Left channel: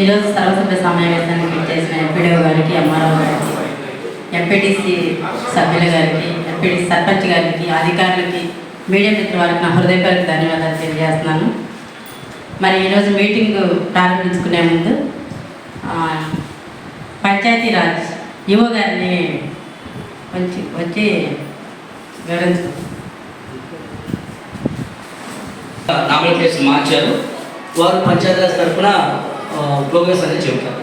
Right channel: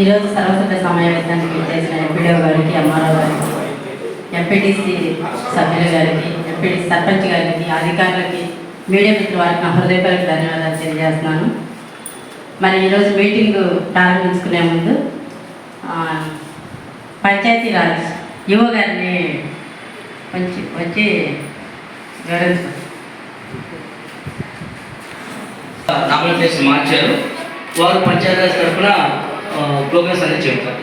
ఈరోజు సర్వసభ్య సమావేశానికి చేసిన ఎంపీడీఓ గారికి ఎంఆర్ఓ గారికి ఎంపీటీసీ సభ్యుల గారికి ఎంపీటీ సర్పంచ్ గారికి అధికారులకి మీడియా మిత్రుల వారికి నా హృదయపూర్వక ధన్యవాదాలు తెలియజేస్తున్నాను. మరి ఈరోజు మీటింగ్ ప్రారంభించుకునే ముందు పంచాయతీరాజ్ యువ గారిని వచ్చి వచ్చి వివరించారు నామినేషన్ మార్చారు. వారు పంచాయతీరాజ్ తరఫున ప్రోగ్రెస్ అనేది చెప్తాం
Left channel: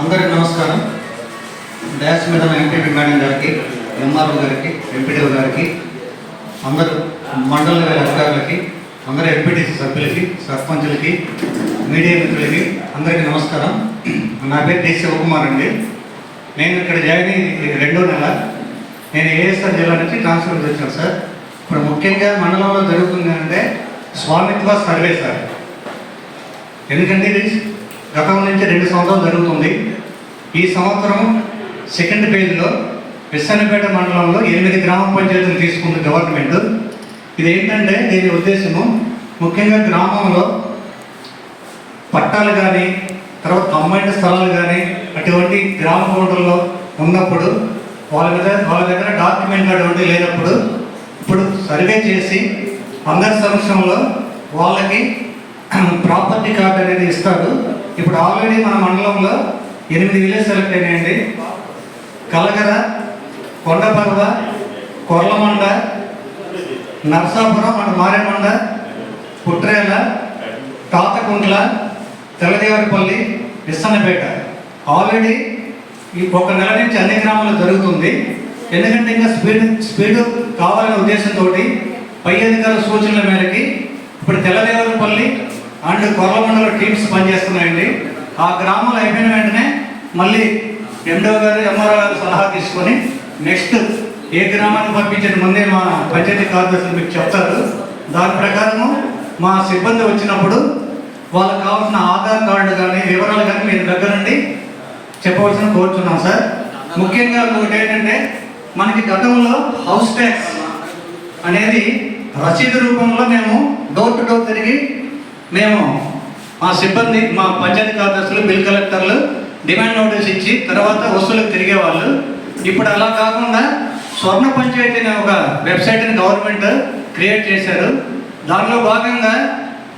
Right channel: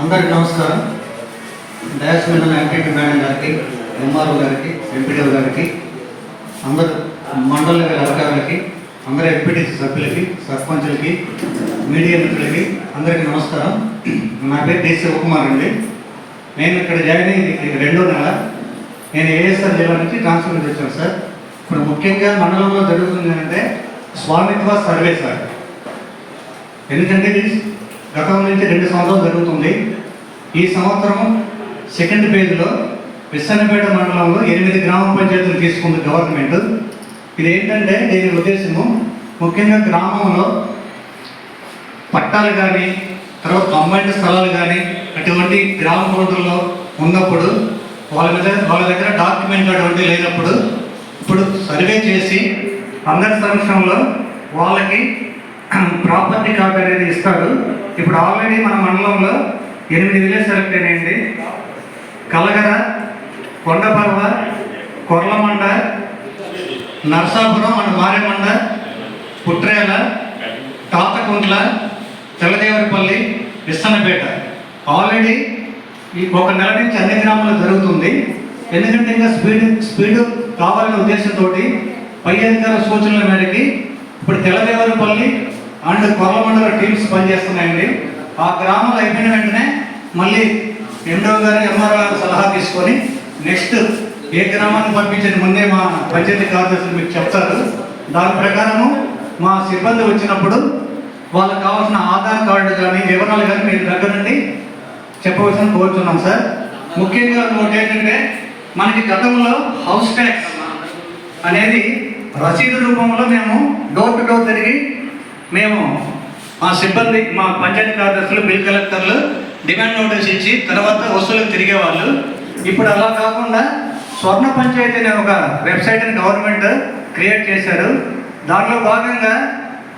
అందరికి నమస్కారం. డ్యాష్ మీద ఉన్న మేడం గారికి ఎంఆర్ఓ గారికి ఎంపీడీఓ గారికి అందరు మండల అధికారులకి అందరు ఎంపీటీ సభ్యులకి సర్పంచులకి మీడియా మిత్రులకి అందరికీ నమస్కారం. నా పేరు డి శివకుమార్ అండి. నేను ఇక్కడ జాయిన్ అయ్యి రెండో నెల. నేను ఏఎస్ఆర్ జిల్లా నుంచి ట్రాన్స్ఫర్ నుంచి వచ్చాను సార్. ఇప్పుడు ముఖ్యంగా మండలంలో జరుగుతుంది అంటే స్వామిత్వ సర్వే సార్. ఎందుకంటే ఇది గతం నుంచి రెండు సంవత్సరాలు జరుగుతుంది. ఈ సంవత్సరం సెకండ్ పేజ్లో విశ్వనపేట మండలంలో ఎనిమిది గ్రామ పంచాయతీలు తీసుకుంది గవర్నమెంట్. ఇది ఏంటంటే దీని ఉద్దేశము ముఖ్యంగా గ్రామంలో పట్టాలు కానీ తర్వాత కంబైండ్ స్థలాలు కానీ అటువంటి గ్రామ కోటల్లో ఉన్నప్పుడు వాళ్ళ దగ్గర వాళ్ళ దగ్గర డాక్యుమెంట్ అటువంటి లేనప్పుడు ఇప్పుడు సర్వే చేసి అందరి సంవత్సరంలో వాళ్ళకి ప్రాపర్టీ కార్డు అనేది ఇస్తారు ఇప్పుడు ఆల్రెడీ మన మండలంలో ఎనిమిది విలేజ్ సెలెక్ట్ అయినాయండి. కలగర కొండపర్వ కొర్లమండ నరసాపురం మన మారేమండ పుట్రేళ్ళ తాతకుంట్ల తెల్లదేవరిపల్లి విస్తనపేట. ఆల్రెడీ ఈ ఒక నెల నుంచి అన్ని గ్రామాల్లో జరుగుతుంది. ఎందుకంటే ఇంకా స్పీడ్ స్పీడ్ కావాలనే ఉద్దేశంతో పై అధికారుల సూచనల మేరకి ఇప్పుడు తెల్లదేవులపల్లి అండ్ కొల్లమండల టీమ్స్ పనిచేస్తున్నాయండి. ఆ గ్రామాలు అయిపోయిన వెంటనే మళ్ళీ ఎండో గారు ఎంఆర్ఓ గారు సలహా తీసుకొని నెక్స్ట్ ఏ గ్రామాన్ని పంపించిన ముందే మా పంచాయతీ కార్యదర్శులు మీకు చెప్తారు. దాని ప్రకారము మా సిబ్బంది వచ్చినప్పుడు వాళ్ళకి కావాల్సిన ఆధార్ కార్డు కానీ వివరాలు కానీ మీరు దగ్గర నుండి చెప్పవలసిన కోరుతున్నాం సార్. ముఖ్యంగా ఇంకోటి ఏంటంటే మనకి గతంలో హౌస్ ట్యాక్స్ అనేది రసీదు రూపంలో మేము డోర్ టు డోర్ తిరిగి మేము మా సిబ్బంది మా పంచాయతీ కార్యదర్శులు బిల్ కలెక్టర్లు డిమాండ్ నోటీస్ ఇచ్చి తర్వాత వసూలుకు తిరిగేవాళ్ళు. ఇప్పుడు అలా కాకుండా స్వర్ణ పంచాయతీ అనే ఒక వెబ్సైట్ని గవర్నమెంట్ క్రియేట్ చేశారు. దానిలో భాగంగా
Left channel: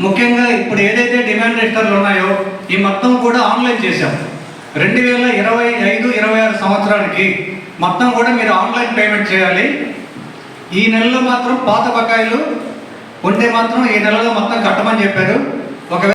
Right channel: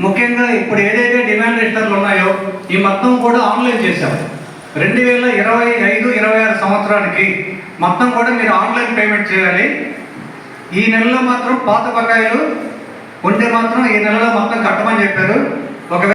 ముఖ్యంగా ఇప్పుడు ఏదైతే డిమాండ్ రిజిస్టర్లు ఉన్నాయో ఈ మొత్తం కూడా ఆన్లైన్ చేశాం రెండు వేల ఇరవై ఐదు ఇరవై ఆరు సంవత్సరానికి మొత్తం కూడా మీరు ఆన్లైన్ పేమెంట్ చేయాలి. ఈ నెలలో మాత్రం పాత బకాయిలు ఉంటే మాత్రం ఈ నెలలో మొత్తం కట్టమని చెప్పారు.